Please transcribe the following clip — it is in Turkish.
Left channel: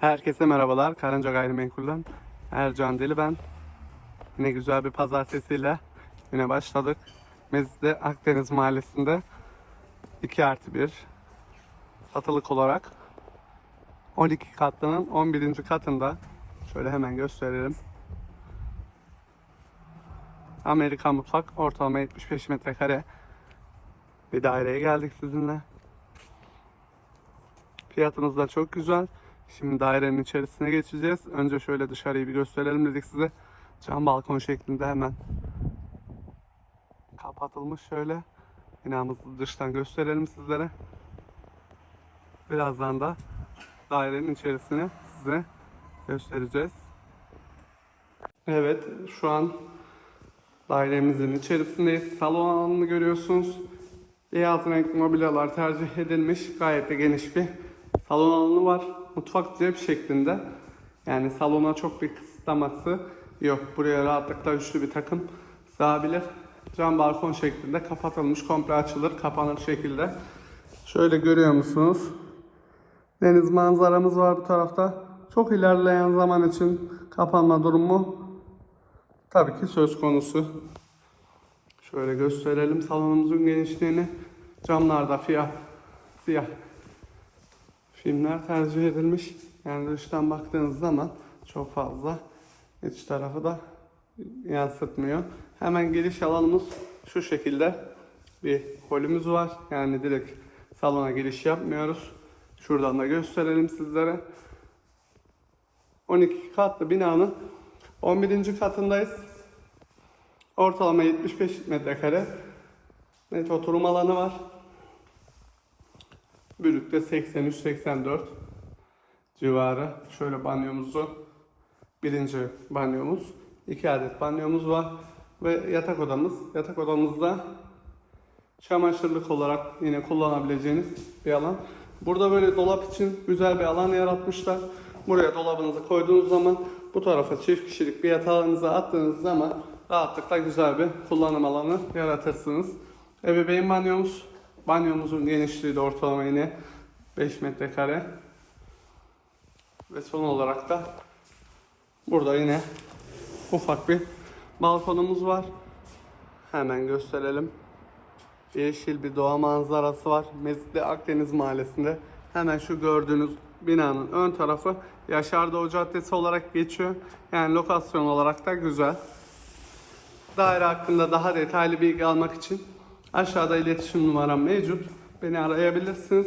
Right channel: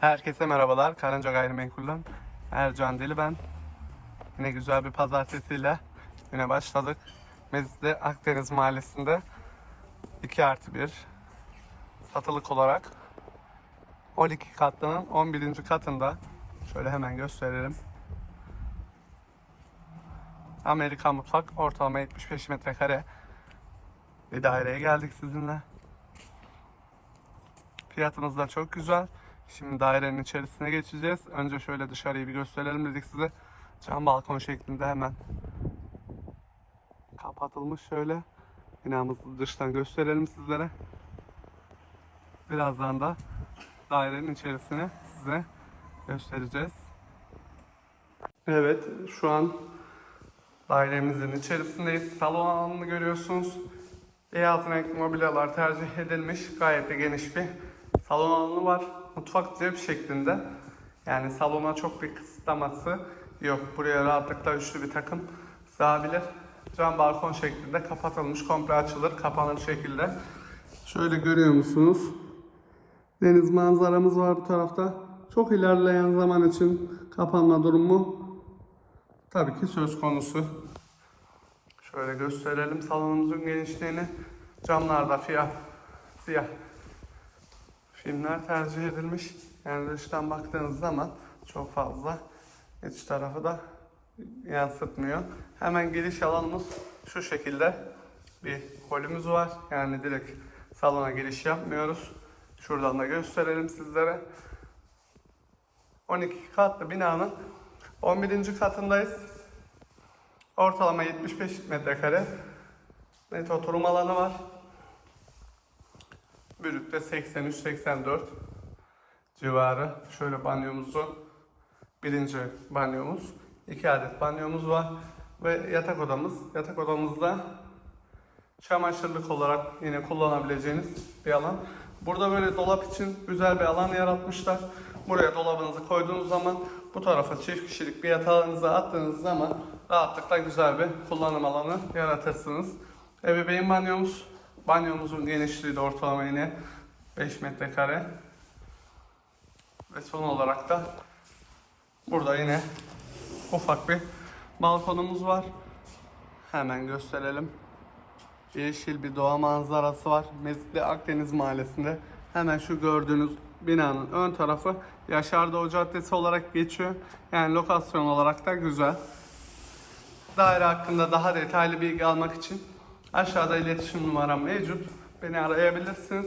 Herkese merhabalar. Karınca Gayrimenkul'den Ercan Deli ben. Yine güzel bir pazartesiyle yine başladık. Mezitli Akdeniz Mahallesi'nde 2 artı 1 satılık olarak 12 katlının 11. katında şöyle hemen gösterelim. Amerikan mutfak ortalama 75 metrekare bir daireye geldik sizinle. Fiyatımız da çok güzel. Şimdi dairenin içerisine geçeceğiz. Önce şöyle dışarıyı bir gösterelim dedik size. Cam balkon şeklinde hemen kapatılmış şöyle. Binamızı dıştan gösterelim sizlere. Birazdan da dairenin içerisine size göstereceğiz. Evet şu an dairemizin içerisindeyiz. Salon alanını görüyorsunuz. Beyaz renkli mobilyalar tercih edilmiş. Gayet de geniş bir salon alanı var. Mutfak cep şeklinde. Yani salona çok bir kısıtlaması yok. Buraya rahatlıkla üçlü bir takım sığabilir. Cam balkon şeklinde kapatılmış, komple açılır, kapanır şekilde. Şöyle görüyor musunuz? Deniz manzaramız var bu tarafta. Çok ilerleyen zaman için kapanma durumu tabii ki söz konusu. Şöyle gösterelim salonumuzun genişliğini. Camlarda siyah, siyah filmler tercih edilmiş. Yani dıştan baktığınız zaman çok fazla iç tarafı da yansıtmıyor. Hemen giriş alanımız şu şekilde bir holümüz var. Yani direkt salona giriş yapmıyoruz. Şuradan da gösterelim sizlere. 12 katlı binanın 11. katındayız. Ortalama 75 metrekare net oturum alanı var. Bürük'te 83-84 civarı. Şöyle banyomuzu birinci banyomuz. iki adet banyomuz var. Ve yatak odamız. Yatak odamızda çamaşırlık olarak yine kullanabileceğiniz bir alan. Burada böyle dolap için güzel bir alan yaratmışlar. Buraya dolabınızı koyduğunuz zaman bu tarafa çift kişilik bir yatağınızı attığınız zaman rahatlıkla güzel bir kullanım alanı yaratırsınız. Ebeveyn banyomuz. Banyomuzun genişliği de ortalama yine 5 metrekare. Ve son olarak da burada yine ufak bir balkonumuz var. Hemen gösterelim. Yeşil bir doğa manzarası var. Mezitli Akdeniz Mahallesi'nde. Hemen şu gördüğünüz binanın ön tarafı Yaşar Doğu Caddesi olarak geçiyor. Yani lokasyon olarak da güzel. Daire hakkında daha detaylı bilgi almak için aşağıda iletişim numaram mevcut. Beni arayabilirsiniz.